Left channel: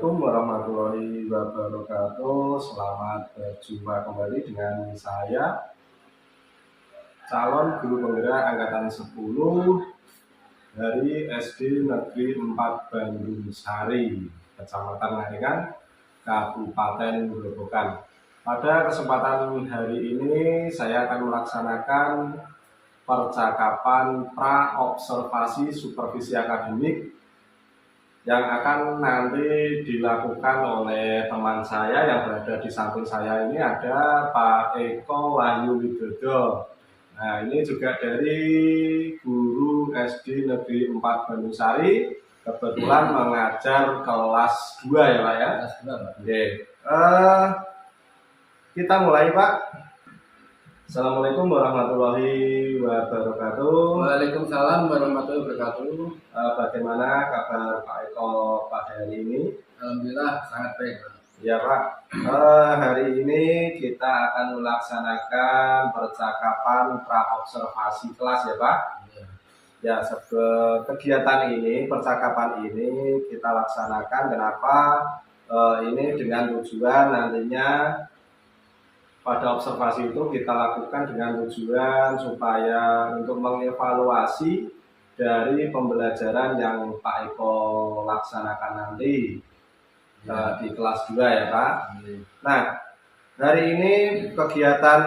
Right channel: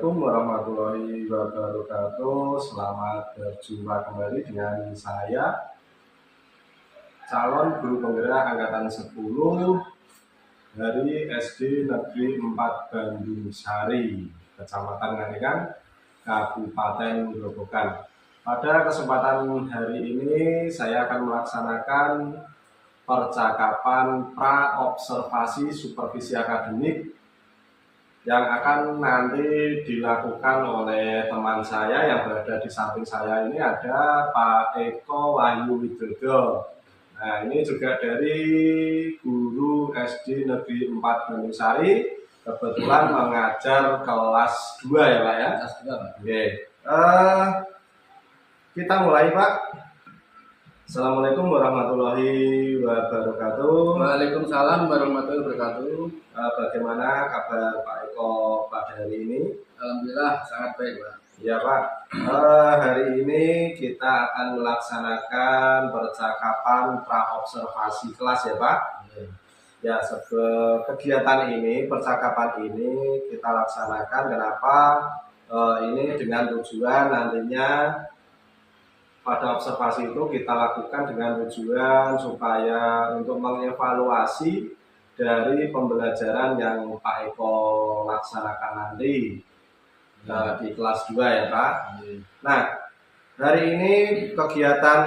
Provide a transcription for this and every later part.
Assalamualaikum warahmatullahi wabarakatuh. Selamat berjumpa kembali dengan saya, calon guru penggerak angkatan 10 dari SD Negeri 4 Bandung Sari, Kecamatan Ngalengan, Kabupaten Grobogan. Pada kesempatan hari ini saya akan melaksanakan percakapan pra-observasi supervisi akademik yang akan nanti dilakukan oleh teman saya yang berada di samping saya. Ini ada Pak Eko Wahyu Widodo. Nah, ini juga dari guru SD Negeri 4 Bandung Sari, kebetulan mengajar kelas 2 ya Pak ya? Kelas 2 Pak. Oke, kita mulai Pak. Assalamualaikum warahmatullahi wabarakatuh. Waalaikumsalam warahmatullahi wabarakatuh. Bagaimana kabar Pak Eko pada hari ini? Alhamdulillah sangat baik Pak. Ya Pak, hari ini kita akan melaksanakan percakapan pra-observasi kelas ya Pak. Ya, kegiatan ini, percakapan ini kita laksanakan kenapa? Ini dengan tujuan nantinya pada observasi itu kita lakukan dengan tujuan supaya untuk mengevaluasi dari pembelajaran yang Pak Eko laksanakan nanti di kelas 2 ya Pak. Nah, hari ini kegiatan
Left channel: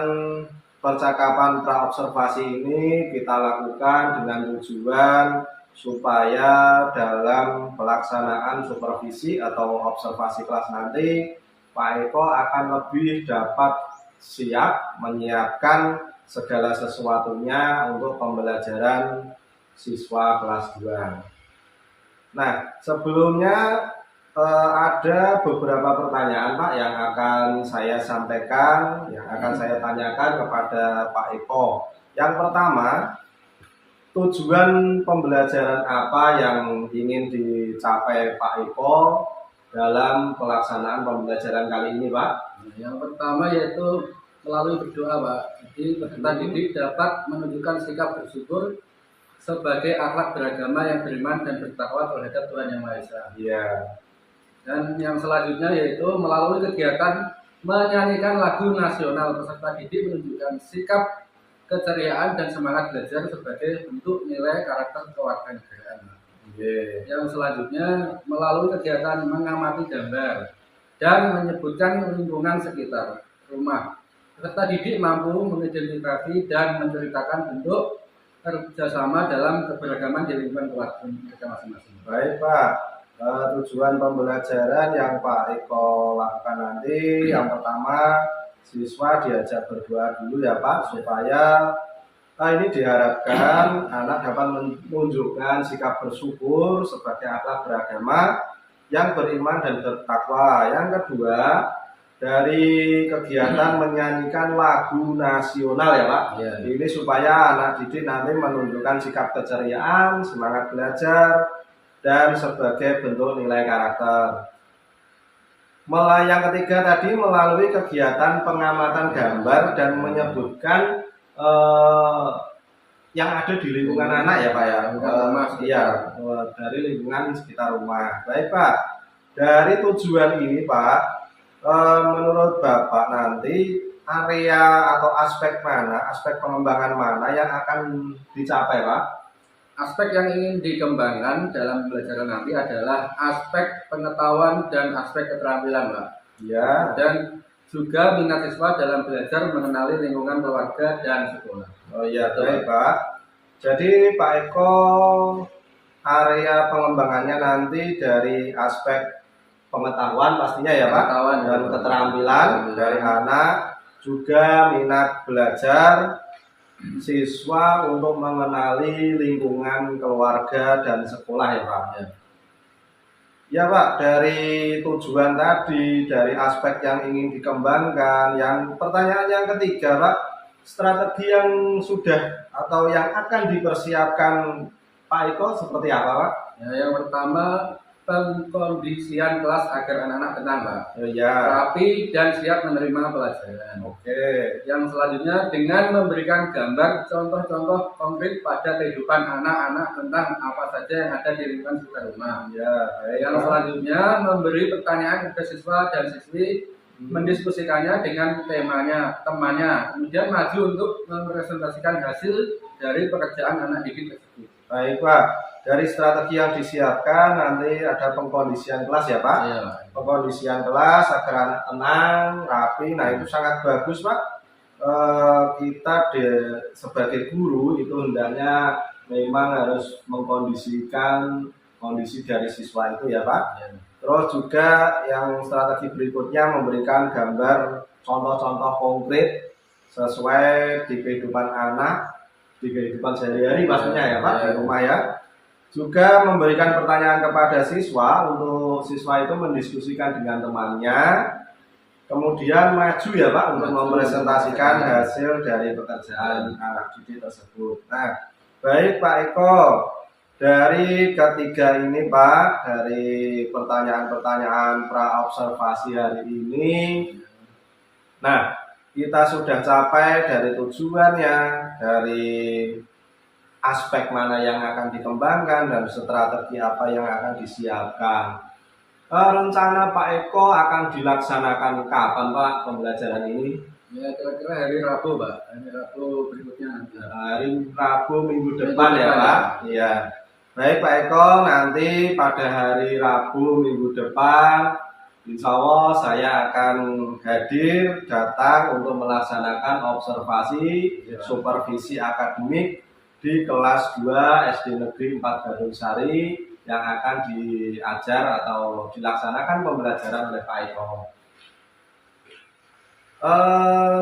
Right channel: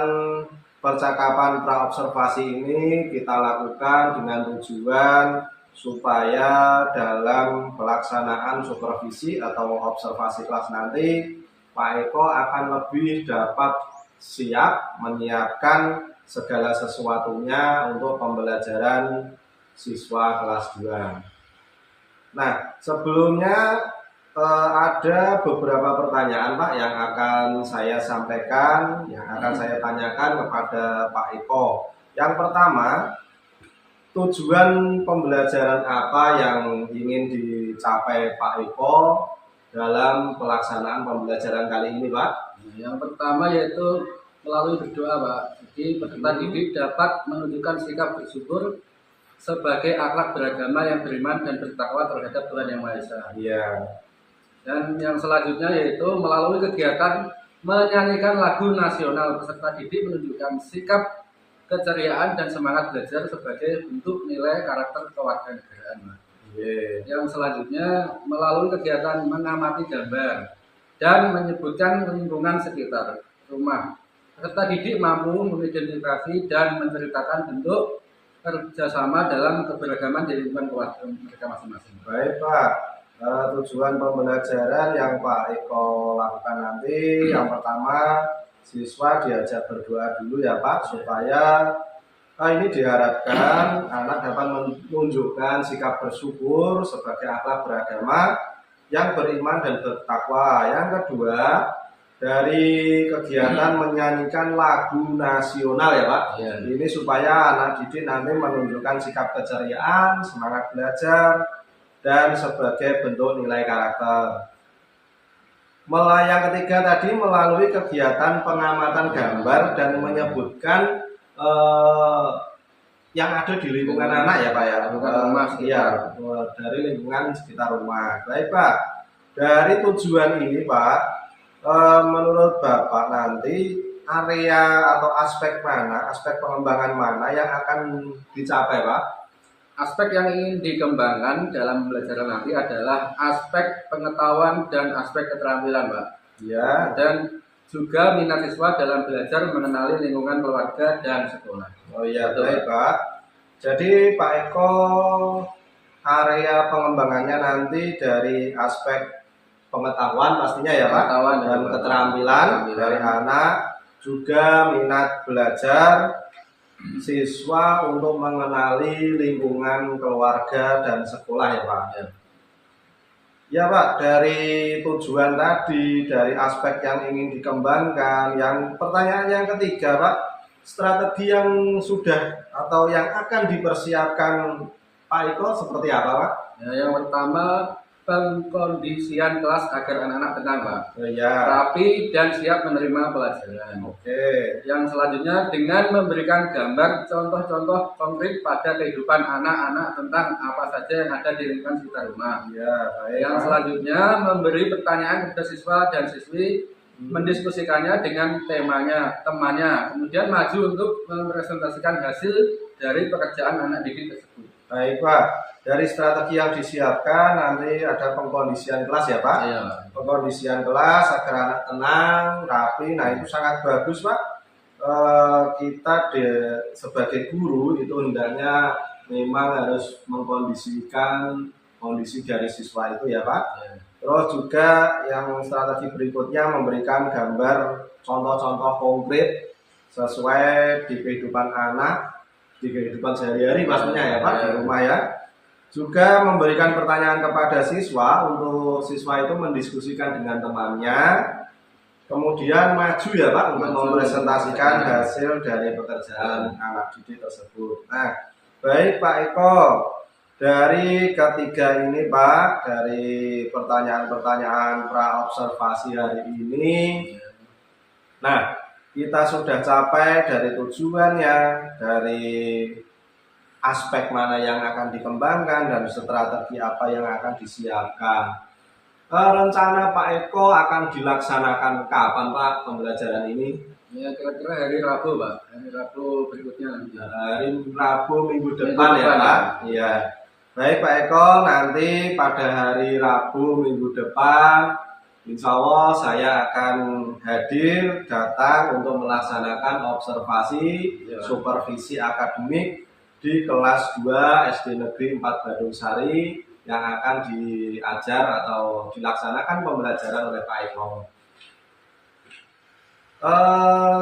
percakapan pra-observasi ini kita lakukan dengan tujuan supaya dalam pelaksanaan supervisi atau observasi kelas nanti Pak Eko akan lebih dapat siap menyiapkan segala sesuatunya untuk pembelajaran siswa kelas 2. Nah, sebelumnya ada beberapa pertanyaan Pak yang akan saya sampaikan, yang akan saya tanyakan kepada Pak Eko. Yang pertama, tujuan pembelajaran apa yang ingin dicapai Pak Eko dalam pelaksanaan pembelajaran kali ini Pak? Yang pertama yaitu melalui berdoa Pak. Jadi peserta didik dapat menunjukkan sikap bersyukur sebagai akhlak beragama yang beriman dan bertakwa terhadap Tuhan Yang Maha Esa. Iya. Dan yang selanjutnya yaitu melalui kegiatan menyanyikan lagu nasional, peserta didik menunjukkan sikap keceriaan dan semangat belajar sebagai bentuk nilai karakter kewarganegaraan. Yang selanjutnya melalui kegiatan mengamati gambar dan menyebutkan lingkungan sekitar rumah. Peserta didik mampu mengidentifikasi dan menceritakan bentuk kerjasama dalam keberagaman di lingkungan keluarga mereka masing-masing. Baik Pak, tujuan pembelajaran yang Pak Eko lakukan nanti yang pertama siswa diajak berdoa dulu ya Pak, supaya ini diharapkan anak dapat menunjukkan sikap bersyukur sebagai akhlak beragama yang beriman dan bertakwa. Yang kedua, dari kegiatan menyanyikan lagu nasional ya Pak. Iya. Ini supaya anak didik nanti menunjukkan sikap keceriaan, semangat belajar, dan sebagai bentuk nilai karakter. Yang ketiga tadi melalui kegiatan pengamatan gambar dan menyebutkan yang ada di lingkungan anak ya Pak ya. Iya, dari lingkungan sekitar rumah. Baik Pak, dari tujuan ini Pak, menurut Bapak nanti area atau aspek mana, aspek pengembangan mana yang akan dicapai Pak? Aspek yang ingin dikembangkan dalam pembelajaran nanti adalah aspek pengetahuan dan aspek keterampilan Pak. Ya. Dan juga minat siswa dalam belajar mengenali lingkungan keluarga dan sekolah. Oh iya, baik Pak. Jadi Pak Eko area pengembangannya nanti dari aspek pengetahuan pastinya ya Pak, dan keterampilan dari anak, juga minat belajar siswa untuk mengenali lingkungan keluarga dan sekolah ya Pak. Ya Pak, dari tujuan tadi, dari aspek yang ingin dikembangkan, yang pertanyaan yang ketiga Pak, strategi yang sudah atau yang akan dipersiapkan Pak Eko seperti apa Pak? Ya, yang pertama pengkondisian kelas agar anak-anak tenang, Pak, Ya. rapi dan siap menerima pelajaran. Oke. Yang selanjutnya dengan memberikan gambar contoh-contoh konkret pada kehidupan anak-anak tentang apa saja yang ada di lingkungan sekitar rumah. Ya, baik. Yang selanjutnya memberi pertanyaan kepada siswa dan siswi, mendiskusikannya dengan temannya, kemudian maju untuk mempresentasikan hasil dari pekerjaan anak didik tersebut. Baik, Pak. Dari strategi yang disiapkan nanti ada pengkondisian kelas ya, Pak? Iya, Pak. Pengkondisian kelas agar anak tenang, rapi. Nah, itu sangat bagus, Pak. Kita sebagai guru itu hendaknya memang harus mengkondisikan kondisi dari siswa itu ya, Pak. Iya. Terus juga yang strategi berikutnya memberikan gambar contoh-contoh konkret sesuai di kehidupan anak, di kehidupan sehari-hari pastinya ya, Pak, di rumah ya. Juga memberikan pertanyaan kepada siswa untuk siswa itu mendiskusikan dengan temannya, kemudian maju ya, Pak, untuk mempresentasikan hasil dari pekerjaan anak didik tersebut. Nah, baik Pak Eko, dari ketiga ini Pak, dari pertanyaan-pertanyaan pra-observasi hari ini, nah kita sudah capai dari tujuannya, dari aspek mana yang akan dikembangkan dan strategi apa yang akan disiapkan. Rencana Pak Eko akan dilaksanakan kapan Pak pembelajaran ini? Ya, kira-kira hari Rabu, Pak. Hari Rabu berikutnya nanti. Hari Rabu minggu depan ya Pak? Iya. Baik Pak Eko, nanti pada hari Rabu minggu depan insya Allah saya akan hadir datang untuk melaksanakan observasi supervisi akademik di kelas 2 SD Negeri 4 Badung Sari yang akan diajar atau dilaksanakan pembelajaran oleh Pak Eko.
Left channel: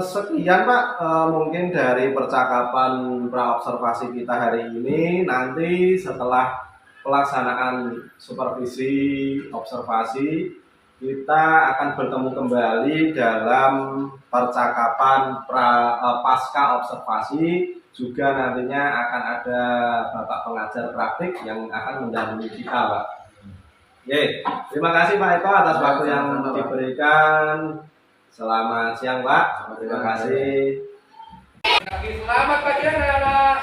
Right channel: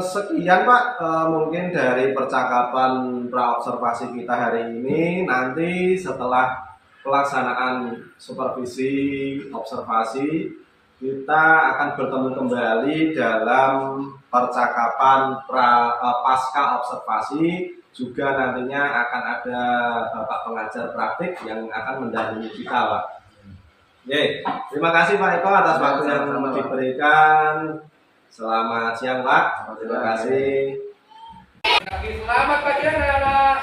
Sekian Pak, mungkin dari percakapan pra-observasi kita hari ini. Nanti setelah pelaksanaan supervisi observasi, kita akan bertemu kembali dalam percakapan pasca observasi. Juga nantinya akan ada Bapak pengajar praktik yang akan mendampingi kita, Pak. Oke, terima kasih Pak Eko atas waktu yang diberikan. Selamat siang, Pak. Terima kasih. Selamat pagi, anak-anak.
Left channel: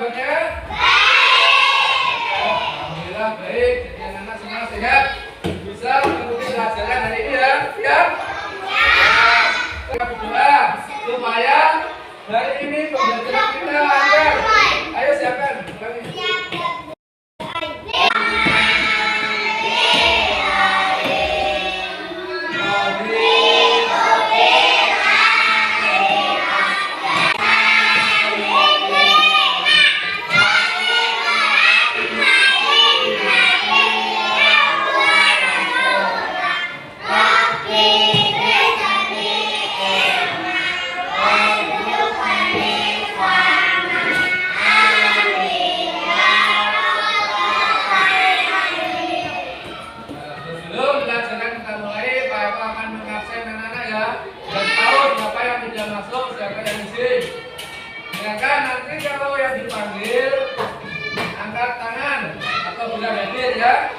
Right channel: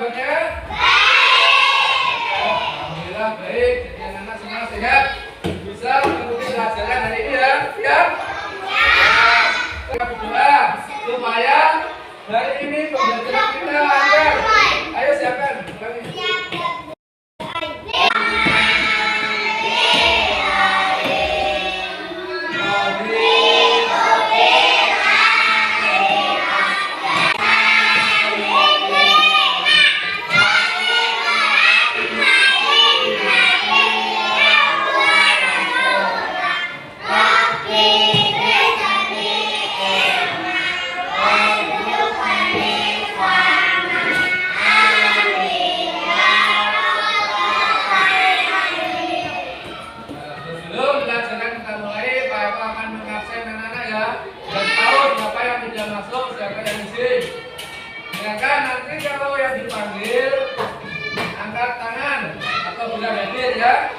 Bagaimana? Alhamdulillah baik. Jadi anak-anak semua sehat. Bisa mengikuti pelajaran hari ini ya. Siap? Kita berdoa supaya hari ini pembelajaran kita lancar. Ayo siapkan. Silakan nanti kalau yang dipanggil angkat tangan atau bilang hadir ya.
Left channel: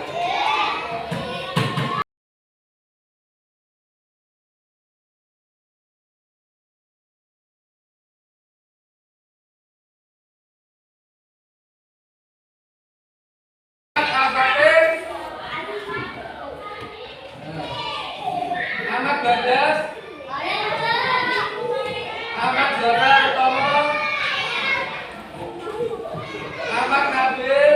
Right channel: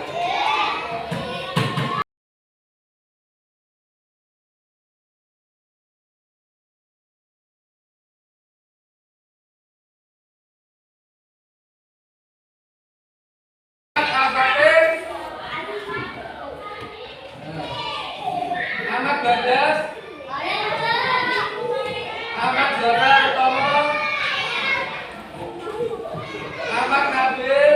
Ahmad Badas, Ahmad Zara Utomo, Ahmad Nabil,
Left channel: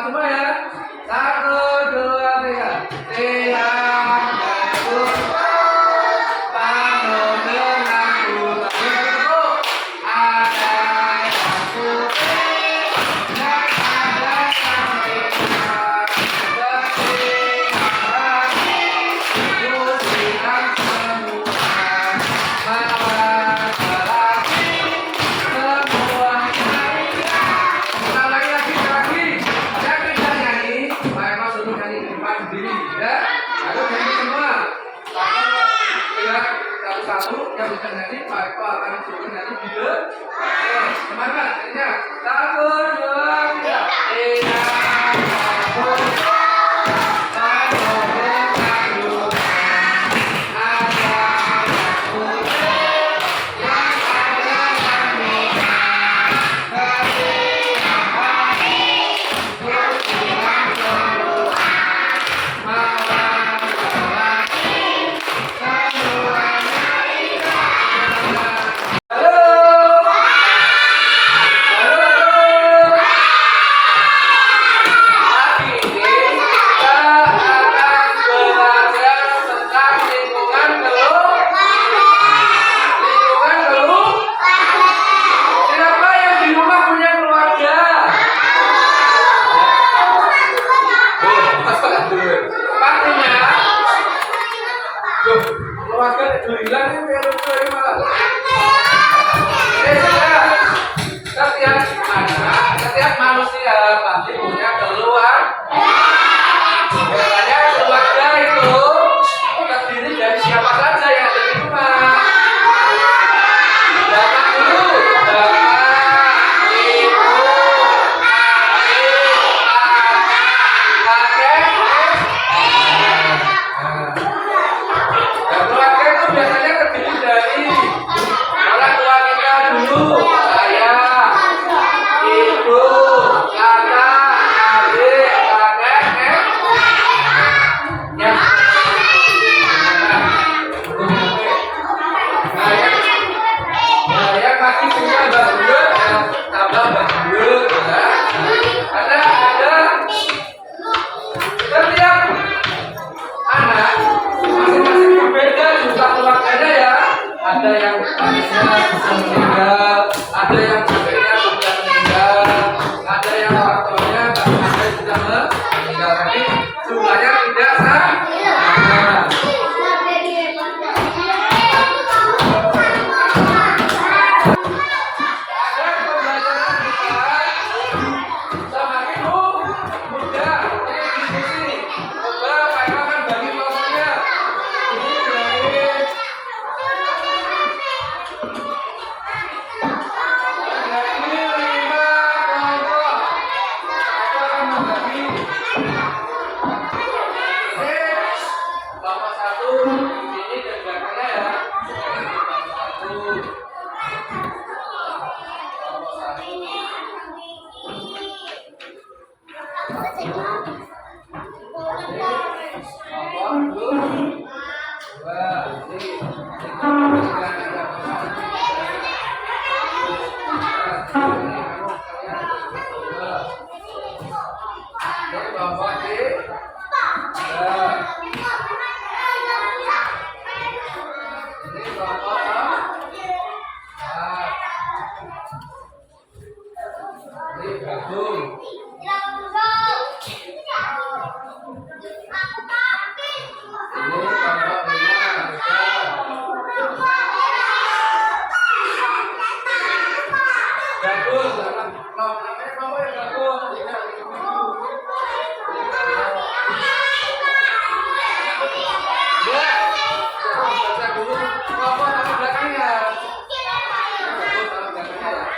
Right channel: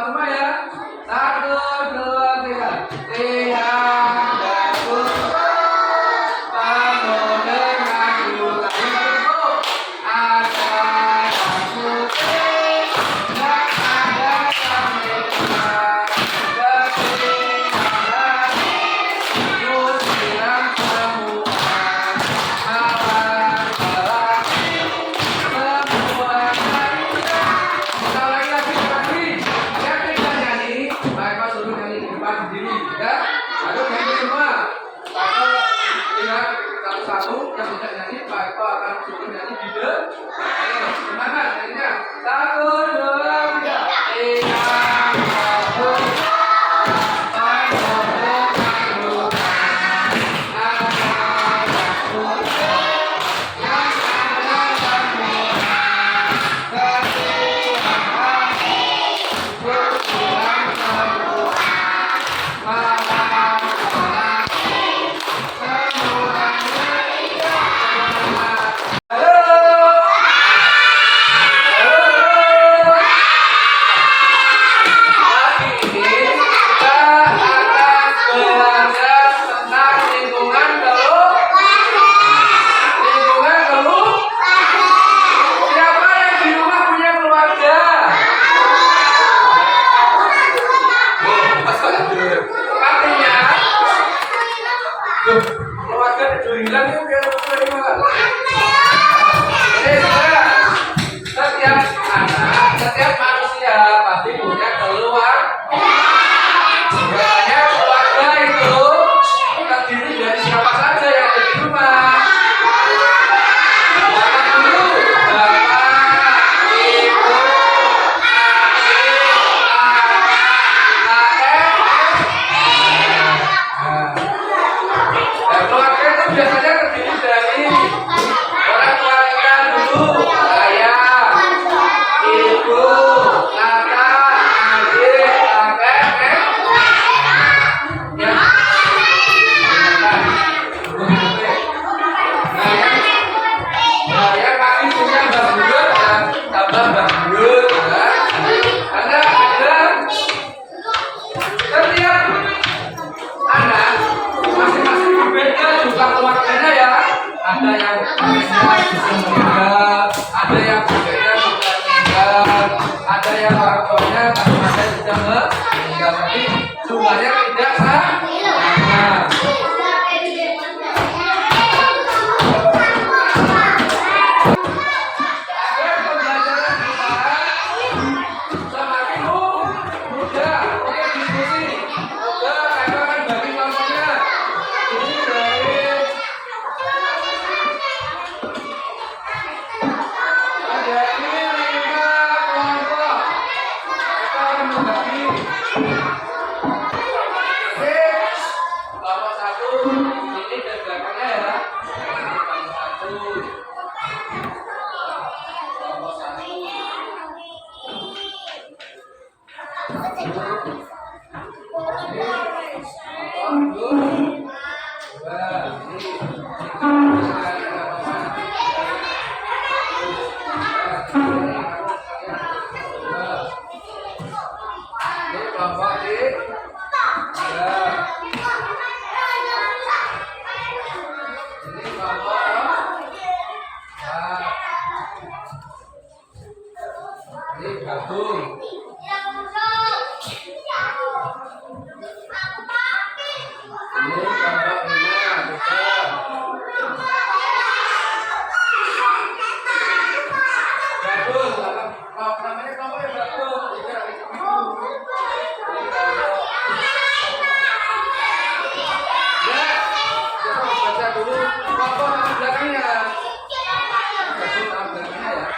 Kompak semua ya. 1, 2, 3. Tiang gabung penuh dengan buta. Ada yang putih dan ada yang merah. Ketiadaan usiran semua. Malam semua nyanyian. Kita lagi. Ada kita nyanyi. Pak Eko suruh nyanyi di depan sendiri ya. Ayo nyanyi semua. Kalau ingat satu-satu yang bisa nyanyi, Pak Eko akan suruh nyanyi di depan. Semangat nyanyinya. 1, 2, 3. Iya. Keluarga itu hilang ya biar dari malam. Setiap manusia pasti punya keluarga. Biasanya keluarga itu terdiri dari siapa saja yang ada di rumah. Bapak dulu, bapak, ibu, adik, kakek, keluarga itu biasanya terdiri dari orang tua kita dulu, ayah, ibu, kakak, adik, kakek, ya. Nah, yang pasti punya mbak buyut, ya, tambah mbak buyut, ya. Ada setiap anak masing-masing berbeda juga keluarganya ya. Ada yang kakeknya sudah meninggal, ada yang kakeknya sudah meninggal, ada yang orang tuanya masing-masing sudah meninggal. Jadi jumlahnya tidak sama. Semakin mudah untuk diskusi. Pak Eko akan bagi porsinya. Ini dari 5 kelompok. Eko akan membagi. Kelompok 1 ini dan belakangnya ya. Kelompok 1. Kelompok 1. Gabung. Ini kelompok 5 gabung. Namanya kelompok yang gabung. Baca dulu kelompok nama belakangnya. Gabung nama belakangnya ya.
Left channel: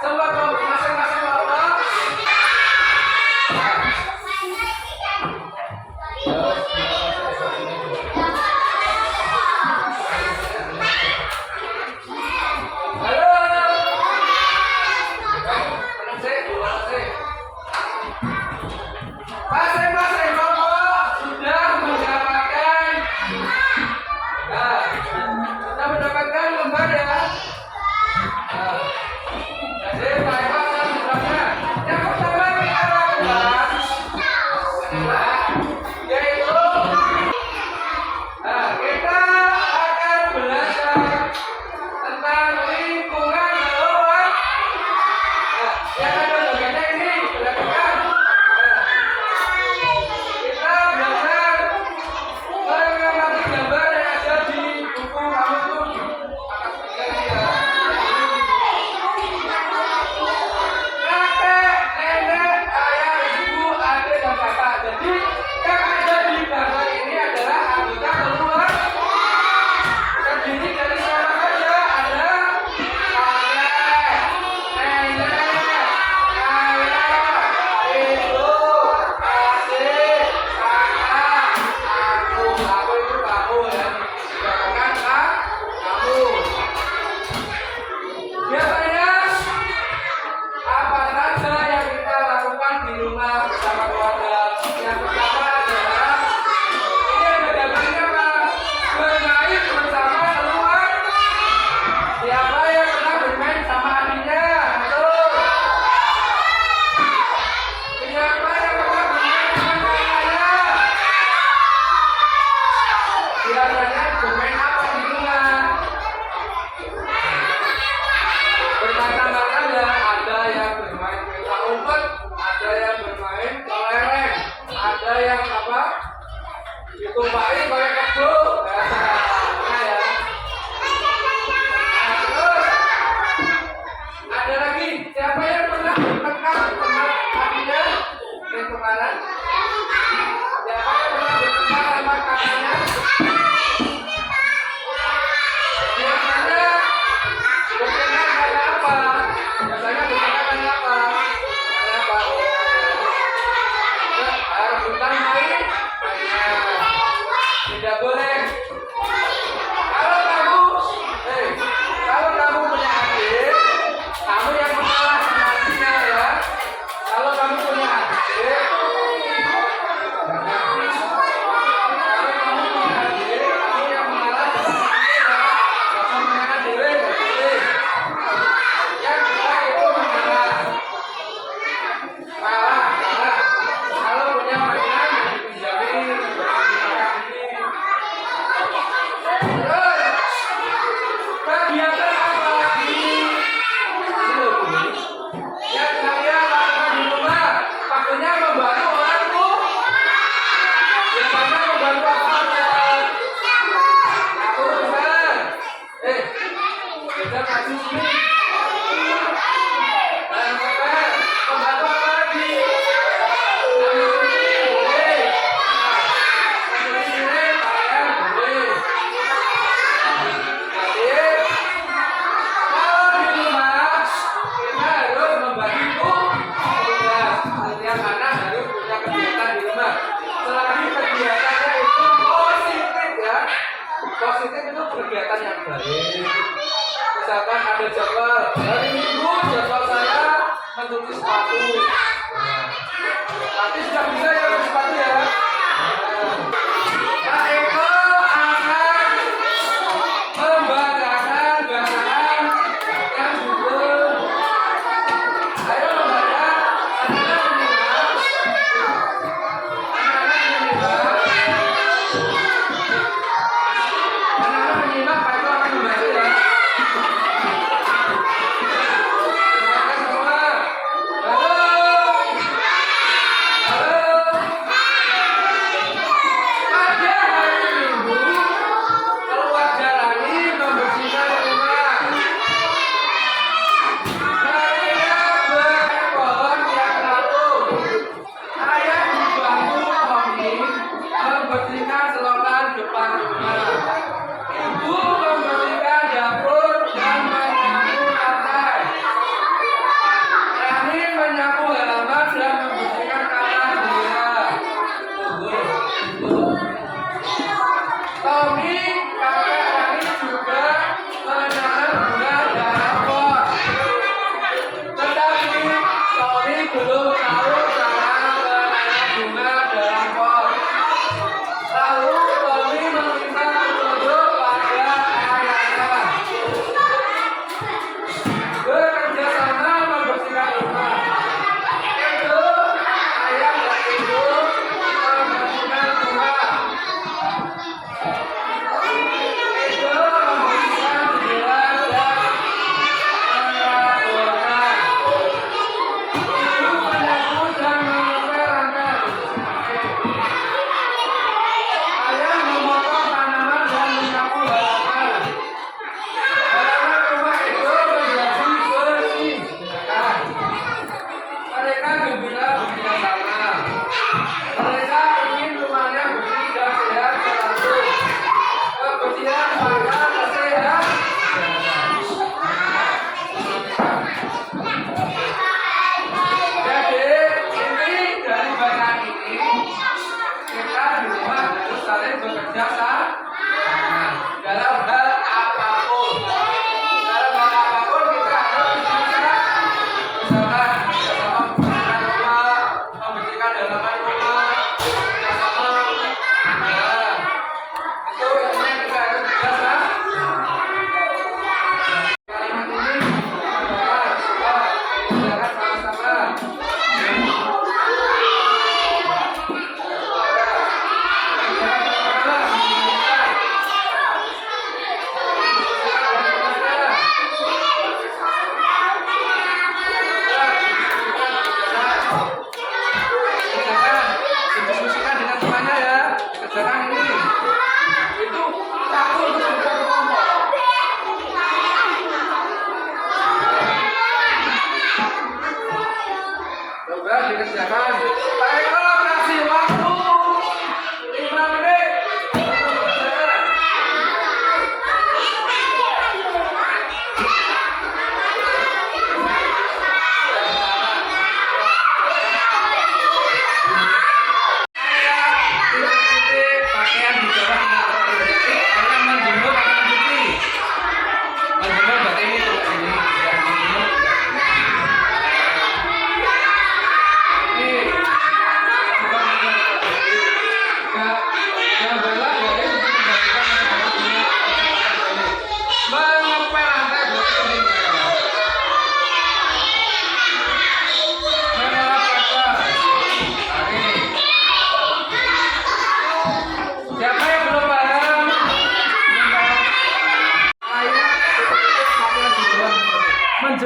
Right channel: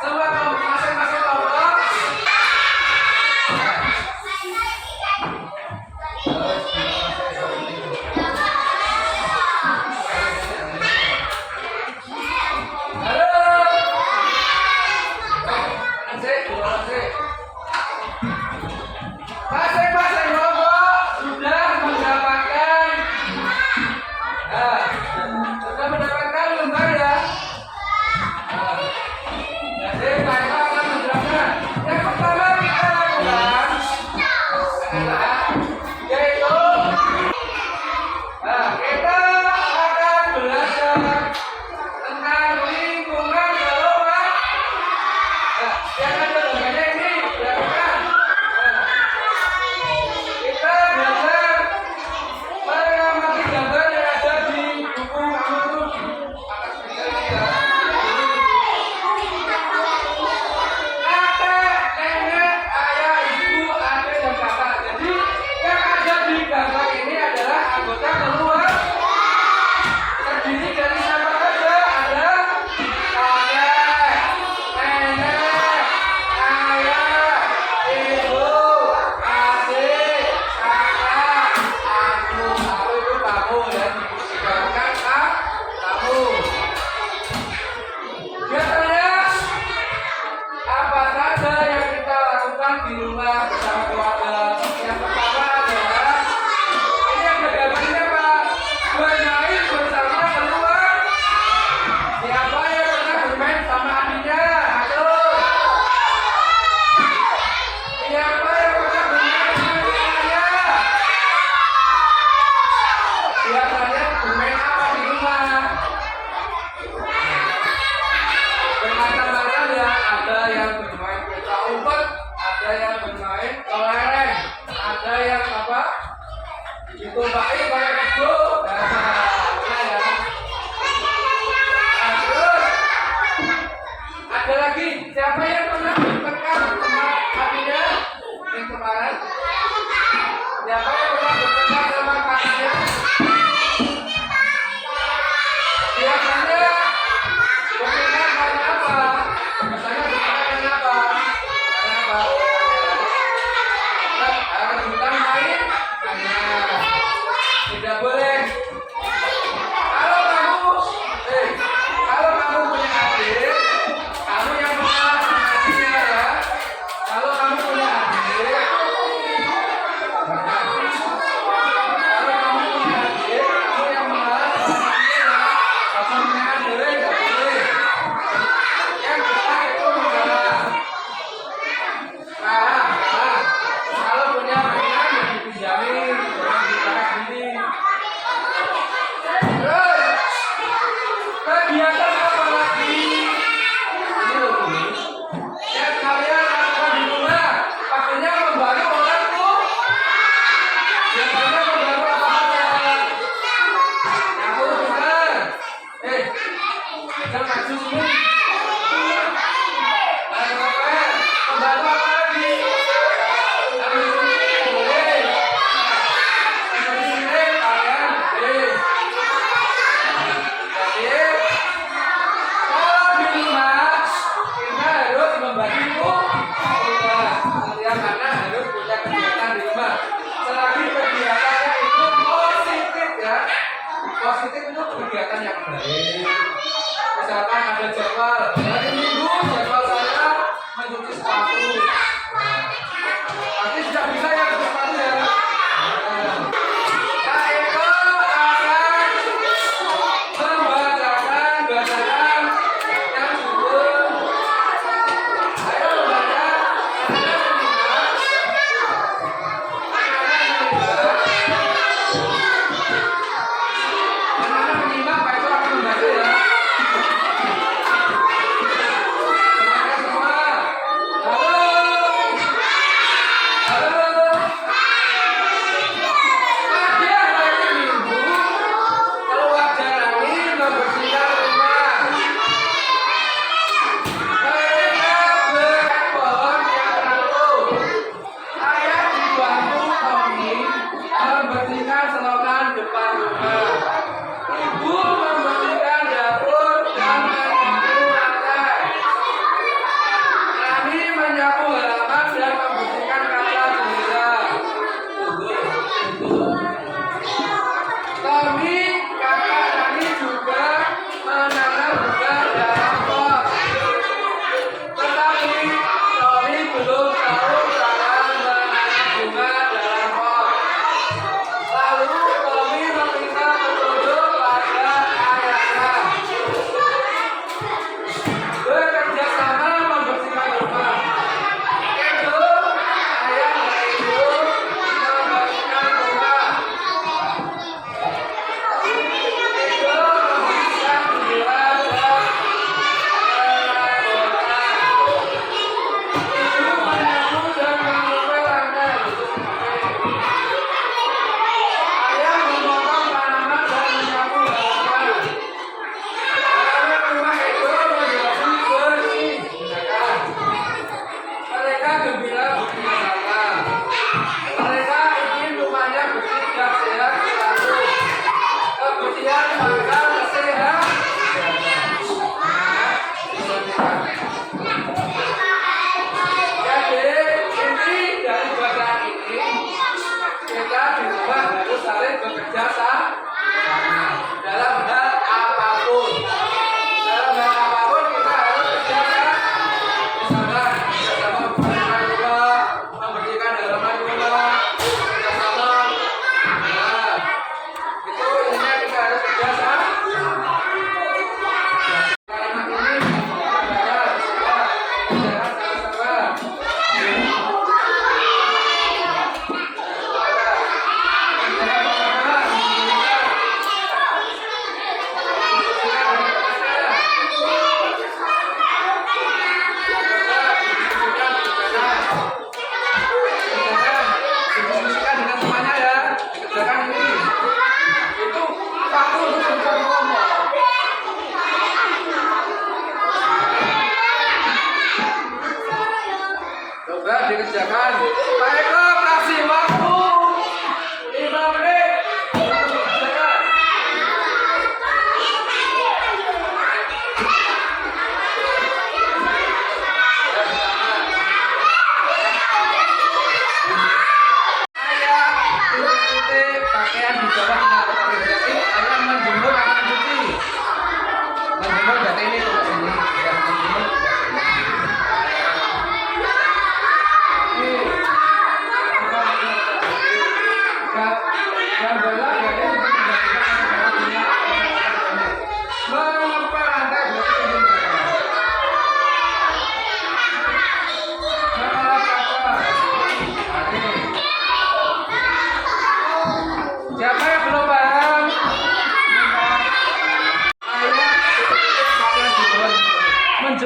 Semua kelompok masing-masing kelompok kemana? Siapa yang pernah bertengkar sama kakaknya? Biasanya bertengkar karena apa? Biasanya bertengkar karena apa? Karena apa? Rebutan main? Tidak boleh. Kalau kamu, kalau kamu punya adik, kamu yang mengalah sama adiknya ya. Kalau kamu punya adik, kamu yang mengalah sama adiknya ya. Kamu punya adik, nggak boleh. Yang kita itu mengalah. Kalah. Kalau punya mainan yang dipinjamin, jangan dibalas ini. Kegiatan apa lagi? Ini loh Bumi. Yang kalian lakukan di rumah, pastinya membantu orang tuh. Biasanya membantu apa? Aku besar. Besar maju sini. Membantu apa lagi? Boleh. Boleh, kalian boleh. Jadi, kalau di rumah kita harus membagi tugas. Setiap anak harus punya kegiatan di rumah. Selagi kegiatannya itu positif ya. Positif itu kegiatan yang baik. Misalkan ada jadwal hari Minggu, jadwal saya mencuci sepatu. Nanti sudah bisa ya mencuci sepatu ya. Kak Eko akan membacakan bacaan yang judul ayo membaca anak-anak menyimak Pak Eko akan membaca ya. Membaca semua. Halo.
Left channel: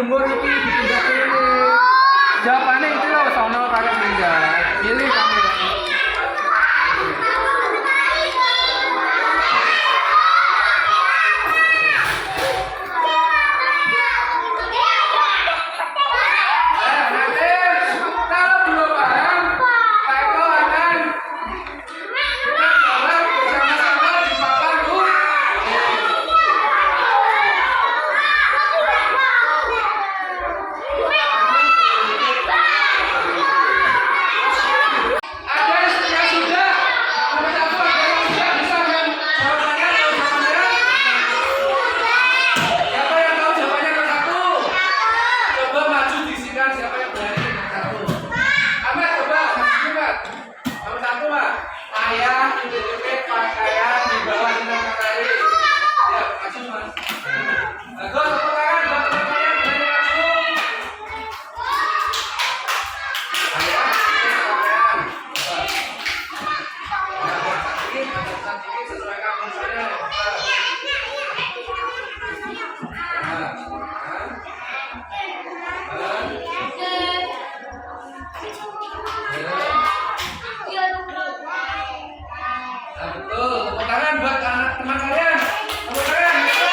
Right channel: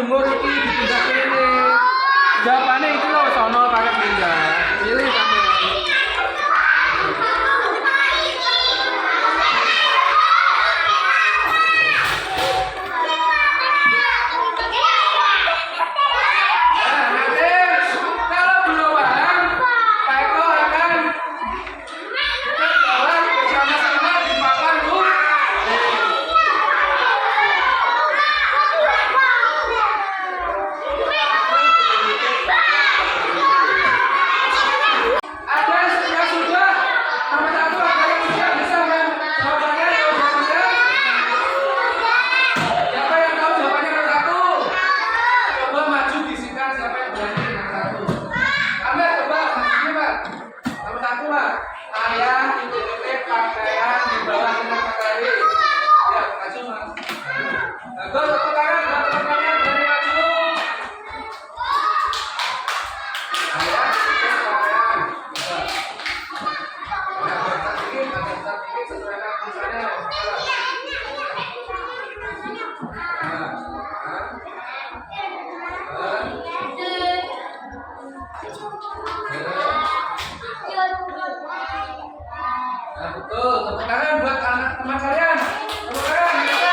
jemur iki dipindah kene. Jawabannya iki lho sono karo pindah. Pilih kamu. Ayah, titik-titik pakaian di bawah kita matahari. Ya, maju mas. Bagus, tepuk tangan, tepuk tangan, berani maju. Ayah, titik pakaian. Sedikit, sesuaikan fungsinya. Betul, tepuk tangan buat anak teman kalian. Tepuk tangan, bisa.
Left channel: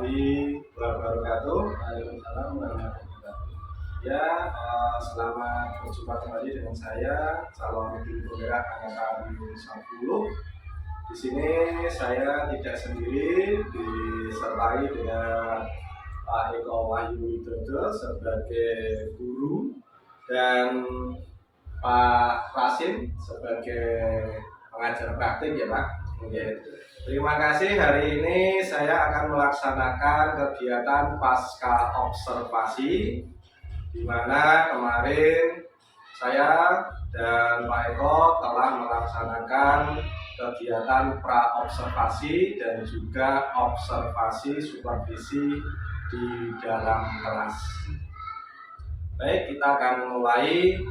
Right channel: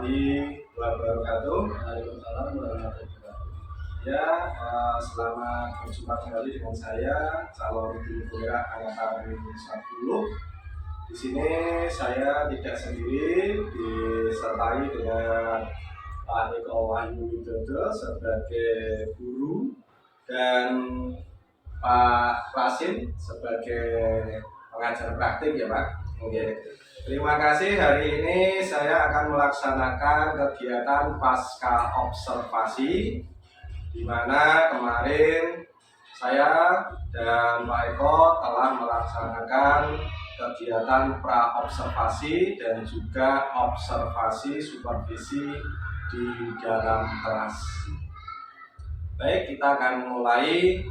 warahmatullahi wabarakatuh. Waalaikumsalam warahmatullahi wabarakatuh. Ya, selamat berjumpa kembali dengan saya, calon guru penggerak angkatan 10. Di sini saya tidak sendiri, disertai dengan Pak Eko Wahyu Widodo sebagai guru dan Pak Rasim sebagai pengajar praktik ya Pak. Oke. Terima kasih, hari ini saya akan melaksanakan kegiatan pasca observasi di mana kemarin saya dan Pak Eko telah melaksanakan kegiatan pra observasi dan juga observasi supervisi di dalam kelas. Baik, kita akan mulai.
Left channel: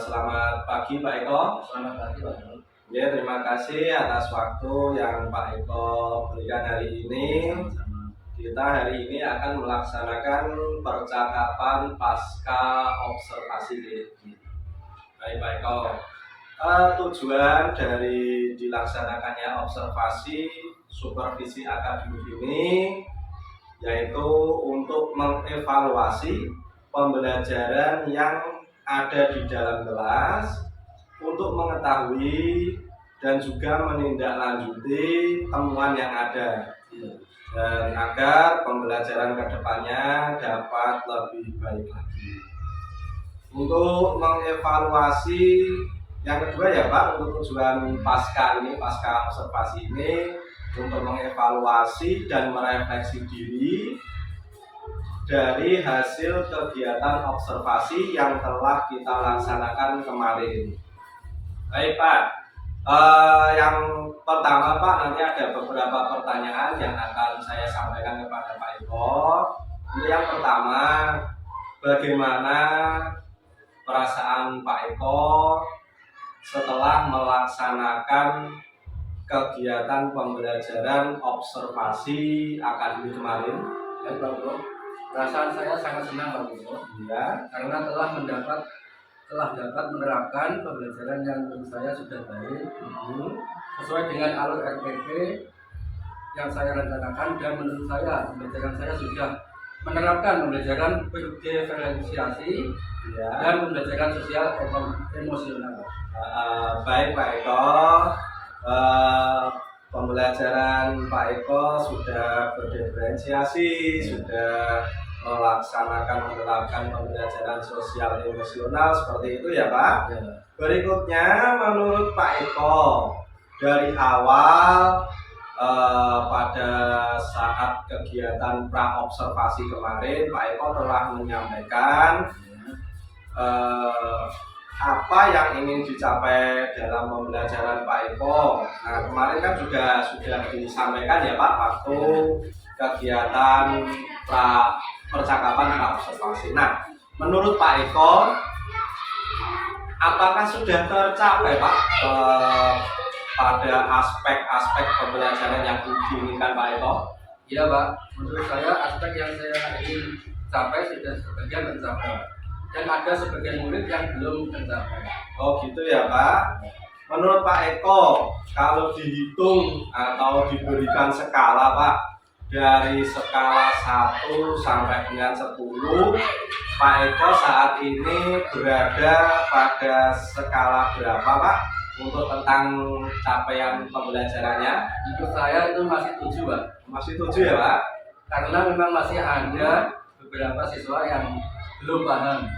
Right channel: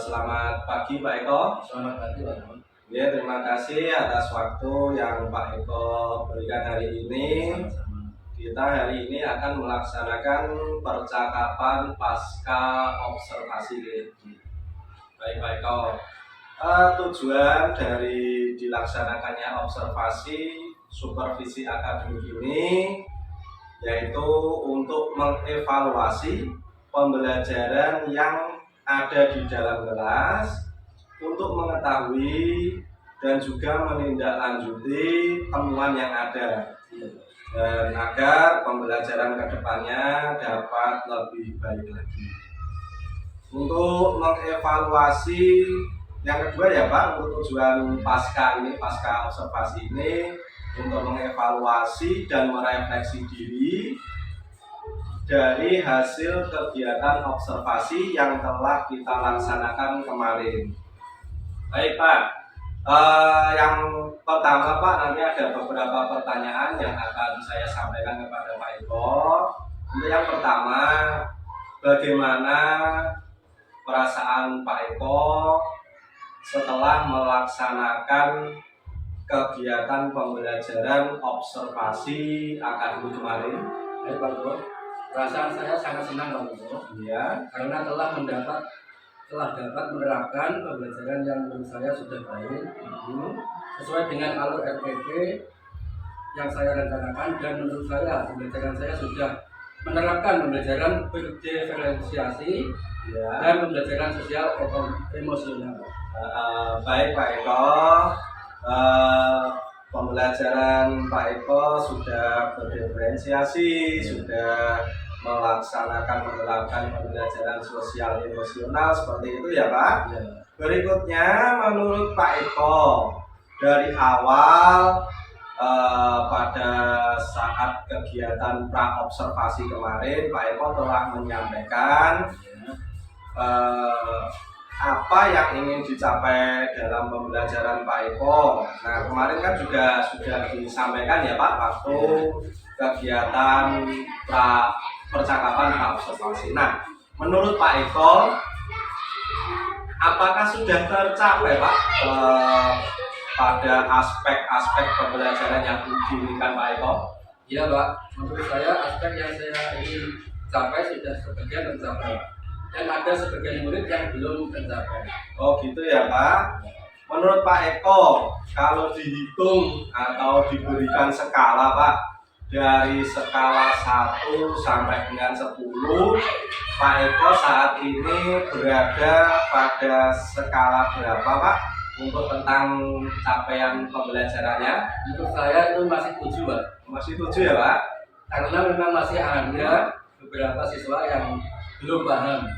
Selamat pagi Pak Eko. Selamat pagi Pak Eko. Ya, terima kasih atas waktu yang Pak Eko berikan hari ini. Sama-sama. Kita hari ini akan melaksanakan percakapan pasca observasi. Baik Pak Eko. Tujuan dari dilaksanakannya observasi supervisi akademik ini yaitu untuk mengevaluasi pembelajaran yang ada di dalam kelas untuk mengetahui dan juga menindaklanjuti temuan yang ada dan agar pembelajaran kedepannya dapat lebih baik lagi. Untuk mengevaluasi yang kedua ya Pak, untuk tujuan pasca observasi ini untuk mengevaluasi dan merefleksi diri dari hasil kegiatan observasi yang telah kita laksanakan kemarin. Baik Pak, yang pertama Pak, nanti ada beberapa pertanyaan yang akan saya sampaikan kepada Pak Eko. Untuk yang pertama, bagaimana perasaan Pak Eko setelah melaksanakan kegiatan pembelajaran observasi akademik kemarin? Baik Pak Eko, perasaan saya sangat senang Pak Eko. Ya. Karena telah dapat menerapkan pembelajaran yang menurut saya sudah baik, sesuai dengan alur RPP yang saya rencanakan, dan menurut saya pembelajaran saya sudah menerapkan pembelajaran berdiferensiasi dan pembelajaran sosial emosional. Baik Pak Eko, pembelajaran Pak Eko sudah berdiferensiasi, sudah menerapkan pembelajaran sosial emosional seperti itu ya Pak. Ya. Berikutnya, menurut Pak Eko, dari awal pada saat kegiatan pra observasi kemarin, Pak Eko telah menyampaikan apa yang ingin dicapai dalam pembelajaran Pak Eko. Nah, kemarin kan juga sudah disampaikan ya Pak waktu kegiatan percakapan pra observasi. Nah, menurut Pak Eko, apakah sudah tercapai Pak pada aspek-aspek pembelajaran yang diinginkan Pak Eko? Iya Pak, menurut saya aspek yang saya ingin capai sudah sebagian tercapai, dan ada sebagian murid yang belum tercapai. Oh gitu ya Pak. Menurut Pak Eko, kalau dihitung atau diberikan skala Pak, dari skala 1 sampai dengan 10, Pak Eko saat ini berada pada skala berapa Pak untuk tentang capaian pembelajarannya? Menurut saya itu masih 7 Pak. Masih 7 ya Pak? Karena memang masih ada beberapa siswa yang belum paham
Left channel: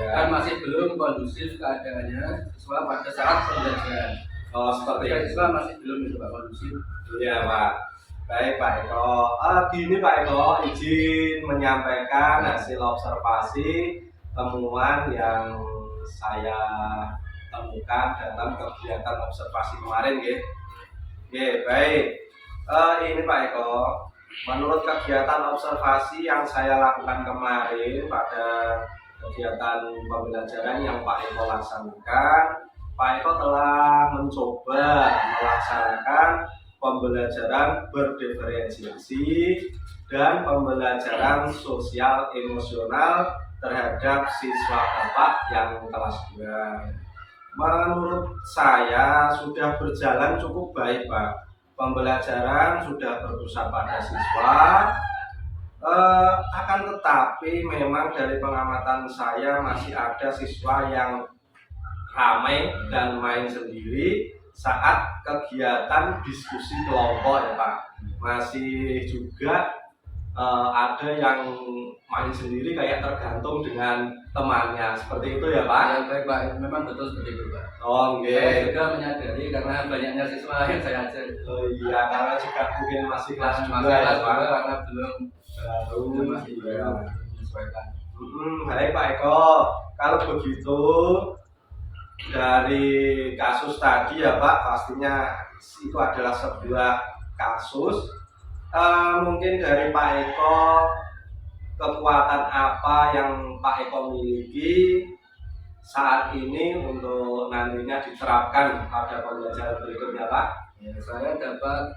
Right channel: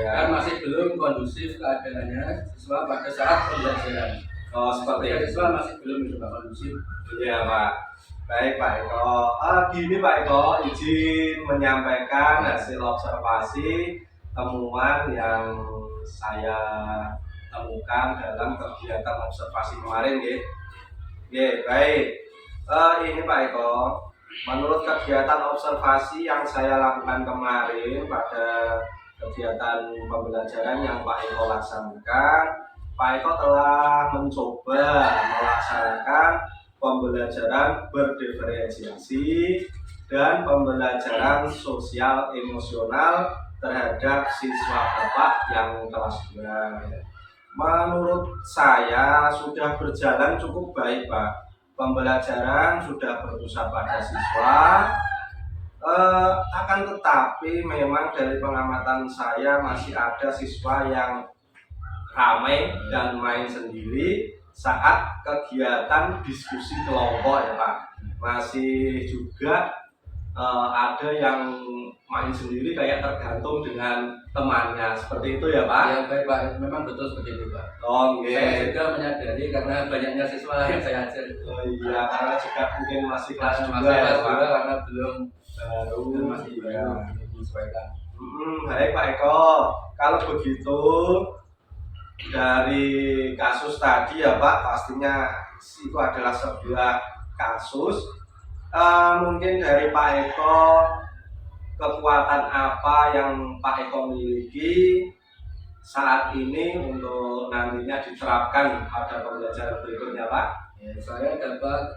dan masih belum kondusif keadaannya siswa pada saat pembelajaran. Oh seperti itu. Siswa masih belum itu Pak kondusif. Iya Pak. Baik Pak Eko. Gini Pak Eko, izin menyampaikan hasil observasi temuan yang saya temukan dalam kegiatan observasi kemarin, baik. Ini Pak Eko, menurut kegiatan observasi yang saya lakukan kemarin pada kegiatan pembelajaran yang Pak Eko laksanakan, Pak Eko telah mencoba melaksanakan pembelajaran berdiferensiasi dan pembelajaran sosial emosional terhadap siswa Bapak yang kelas 2. Menurut saya sudah berjalan cukup baik Pak pembelajaran sudah berpusat pada siswa, akan tetapi memang dari pengamatan saya masih ada siswa yang ramai dan main sendiri saat kegiatan diskusi kelompok ya Pak. Masih juga ada yang main sendiri kayak tergantung dengan temannya, seperti itu ya Pak? Ya baik Pak, memang betul seperti itu Pak. Oh Saya okay. juga menyadari karena banyaknya siswa yang saya ajar. Oh iya, karena juga mungkin masih kelas Masih 2 ya kelas Pak? 2 karena belum masih Ya. menyesuaikan. Baik Pak Eko, kalau begitu dari kasus tadi ya Pak, pastinya itu adalah sebuah kasus. Mungkin dari Pak Eko, kekuatan apa yang Pak Eko miliki saat ini untuk nantinya diterapkan pada pembelajaran berikutnya Pak? Ya, saya dapat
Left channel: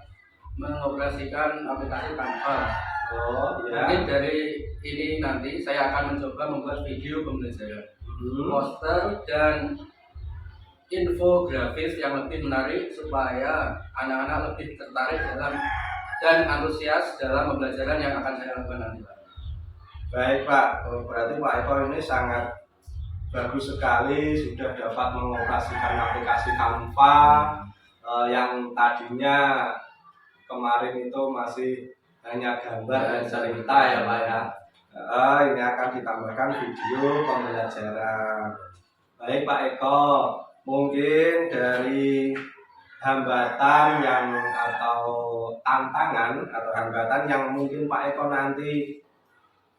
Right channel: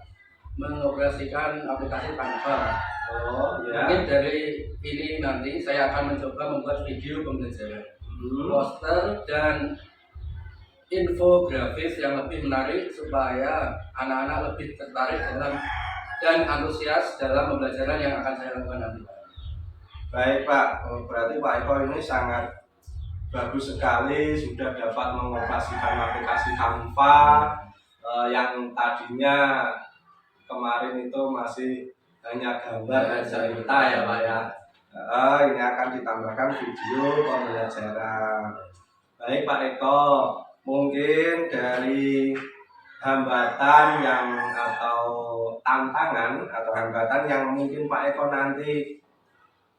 mengoperasikan aplikasi Canva. Oh ya. Mungkin dari ini nanti saya akan mencoba membuat video pembelajaran, poster dan infografis yang lebih menarik supaya anak-anak lebih tertarik dalam dan antusias dalam pembelajaran yang akan saya lakukan nanti Pak. Baik Pak, berarti Pak Eko ini sangat bagus sekali sudah dapat mengoperasikan aplikasi Canva yang tadinya kemarin itu masih hanya gambar dan cerita ya Pak ya. Ini akan ditambahkan video pembelajaran. Baik Pak Eko, mungkin dari hambatan yang atau tantangan atau hambatan yang mungkin Pak Eko nanti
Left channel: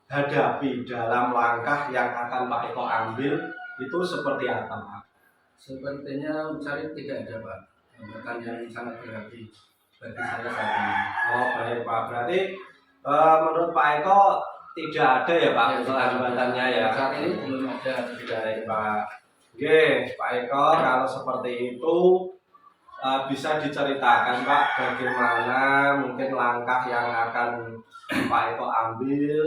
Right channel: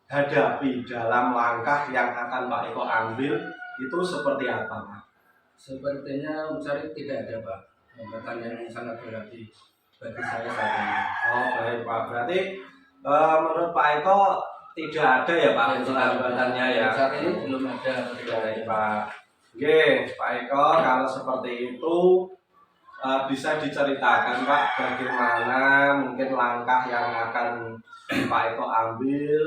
hadapi dalam langkah yang akan Pak Eko ambil itu seperti apa Pak? Sepertinya mencari tidak ada Pak, hambatan yang sangat berarti bagi saya saat ini. Oh baik Pak, berarti menurut Pak Eko tidak ada ya Pak untuk hambatannya ya? Saat ini belum ada atau tidak ada Pak. Oke, Pak Eko, kalau seperti itu bisa diceritakan Pak bagaimana mungkin langkah yang akan Pak Eko ambil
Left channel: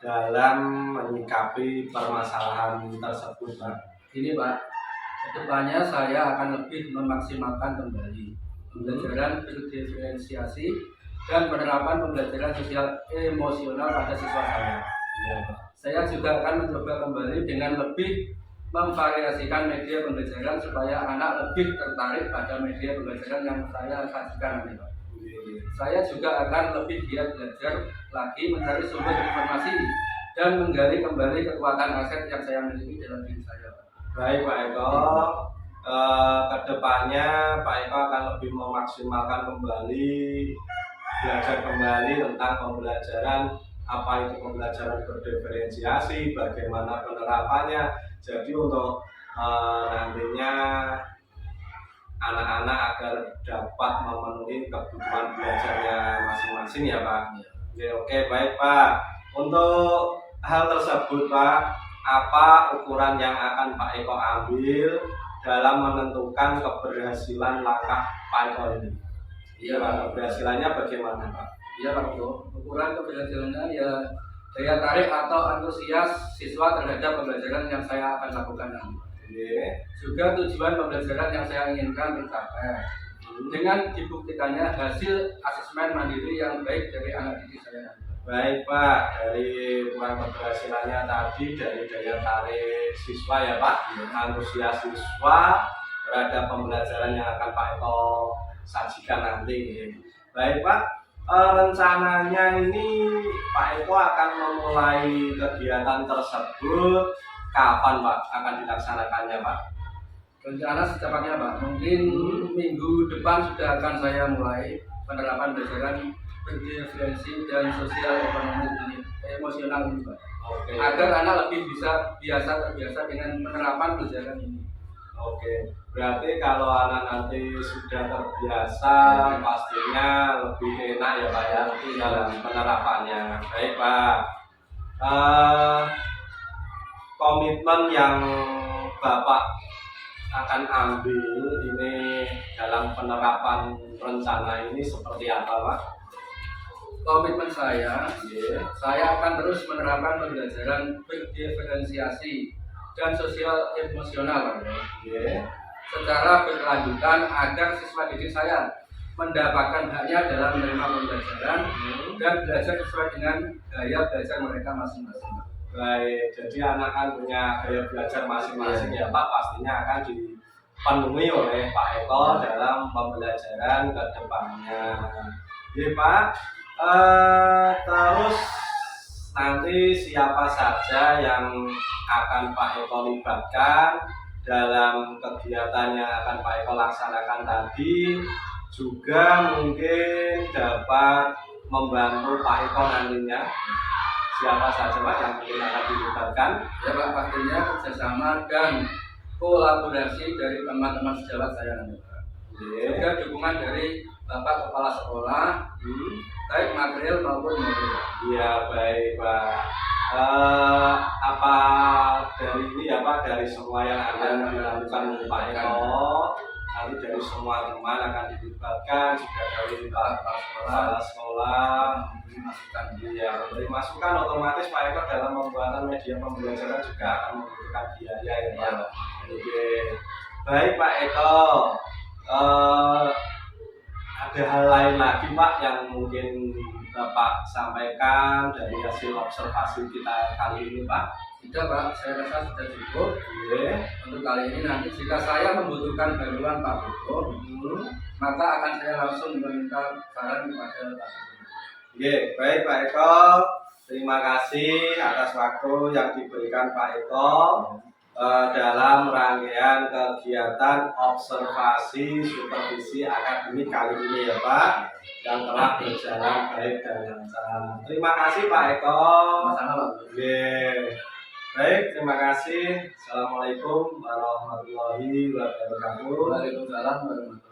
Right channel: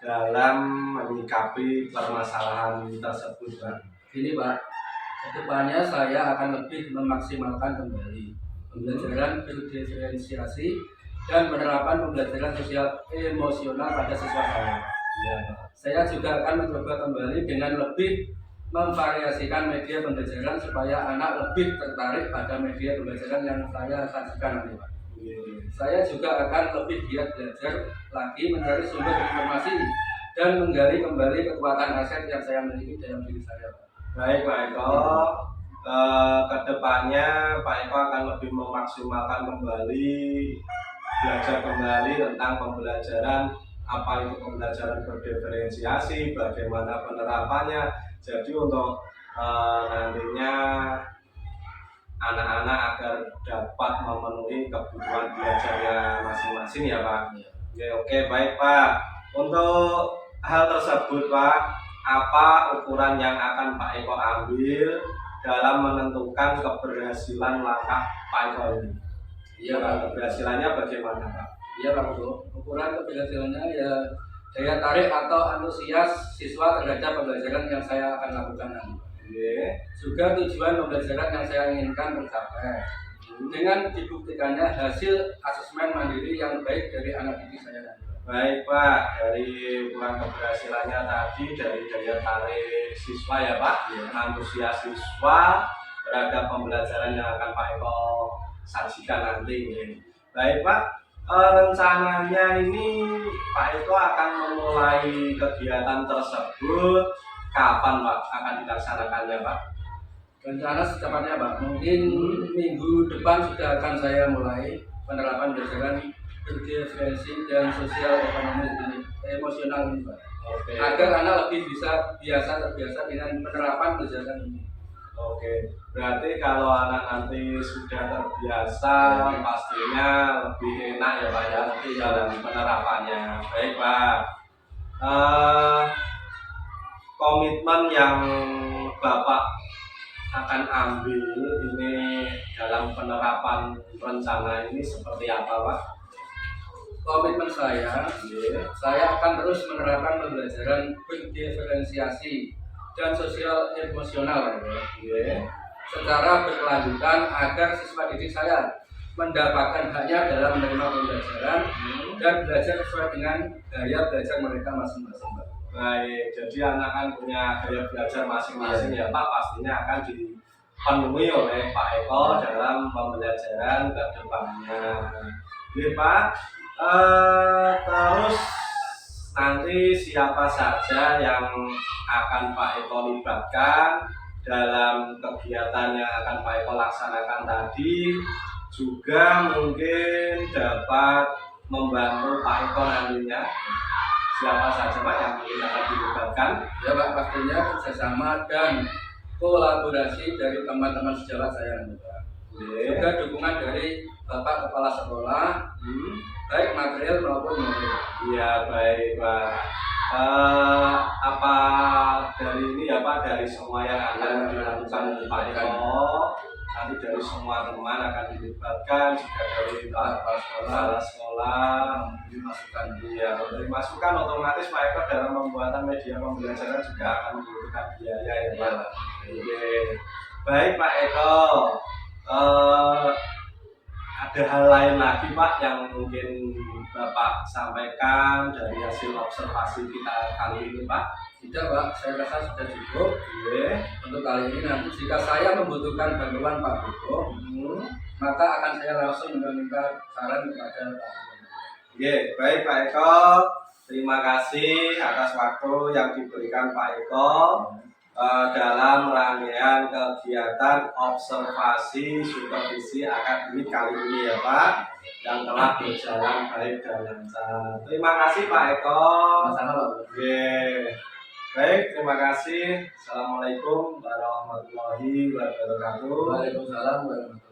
dalam menyikapi permasalahan tersebut Pak? Ini Pak, kedepannya saya akan lebih memaksimalkan kembali pembelajaran berdiferensiasi dan penerapan pembelajaran sosial emosional pada siswa saya. Ya, Pak. Saya juga akan mencoba kembali dengan lebih memvariasikan media pembelajaran supaya anak lebih tertarik pada media pembelajaran yang saya sajikan nanti Pak. Saya juga akan lebih giat belajar lagi mencari sumber informasi dan menggali kembali kekuatan aset yang saya miliki dalam diri saya Pak. Baik Pak Eko, kedepannya Pak Eko akan lebih memaksimalkan kembali, belajar kembali tentang pembelajaran, apa itu pembelajaran berdiferensiasi, bagaimana penerapannya. Jadi untuk nantinya anak-anak agar dapat memenuhi kebutuhan belajarnya masing-masing ya Pak. Oke, baik Pak. Untuk hal tersebut Pak, apa ukuran yang akan Pak Eko ambil dalam menentukan keberhasilan langkah Pak Eko ini? Iya Pak. Keberhasilannya bagaimana Pak? Iya Pak Bro, ukuran keberhasilannya ya daya tarik atau antusias siswa terhadap pembelajaran yang saya akan lakukan nanti. Juga tujuan pembelajaran yang saya inginkan tercapai dengan dibuktikannya hasil asesmen mandiri yang baik dari anak didik saya nanti. Baik Pak, dari ukuran keberhasilannya tadi dari daya tarik siswa ya Pak, antusias siswa terhadap pembelajaran yang akan Pak Eko sajikan nanti. Baik Pak, rencananya ini Pak Eko akan memulai kegiatan tersebut kapan Pak akan dilaksanakannya Pak? Rencana secepatnya Pak, mungkin minggu depan sudah akan saya mulai penerapan pembelajaran berdiferensi dan sosial ekonomi ini, emosional ini Pak. Oke. Agar anak lebih bisa terbiasa dengan penerapan pembelajaran ini. Oke, berarti kalau anak nanti sudah terbiasa pastinya lebih enak ya Pak ya dalam penerapannya. Baik Pak, komitmen yang Bapak akan ambil ini dalam penerapan rencana ini seperti apa Pak? Komitmen saya akan terus menerapkan pembelajaran berdiferensiasi dan sosial emosional secara berkelanjutan agar siswa didik saya mendapatkan haknya dalam menerima pembelajaran dan belajar sesuai dengan gaya belajar mereka masing-masing, Pak. Baik, jadi anak kan punya gaya belajar masing-masing ya Pak, pastinya akan dipenuhi oleh Pak Eko dalam pembelajaran ke depannya. Oke Pak, terus nanti siapa saja yang akan Pak Eko libatkan dalam kegiatan yang akan Pak Eko laksanakan tadi, juga mungkin dapat membantu Pak Eko nantinya. Siapa saja Pak yang mungkin akan dilibatkan? Ya Pak, pastinya kerjasama dan kolaborasi dari teman-teman sejawat saya nanti Pak. Juga dukungan dari Bapak Kepala Sekolah, baik material maupun moral. Iya baik Pak. Apa dari ini ya Pak, dari semua yang akan dilakukan Pak Eko, nanti dari semua teman akan dilibatkan, juga dari kepala sekolah Masukan. Iya, dari masukan otomatis Pak Eko dalam pembuatan media pembelajaran juga akan membutuhkan biaya ya Pak. Oke. Baik Pak Eko, ada hal lain lagi Pak yang mungkin Bapak sampaikan dari hasil observasi kita kali ini Pak? Tidak Pak, saya rasa sudah cukup. Untuk kali ini nanti jika saya membutuhkan bantuan Pak Buko, maka akan saya langsung meminta saran kepada Pak Buko. Oke, baik Pak Eko, terima kasih atas waktu yang diberikan Pak Eko dalam rangkaian kegiatan observasi supervisi akademik kali ini ya Pak, yang telah berjalan baik dan lancar. Terima kasih Pak Eko. Sama-sama Pak. Oke. Baik, terima kasih. Assalamualaikum warahmatullahi wabarakatuh. Waalaikumsalam warahmatullahi wabarakatuh.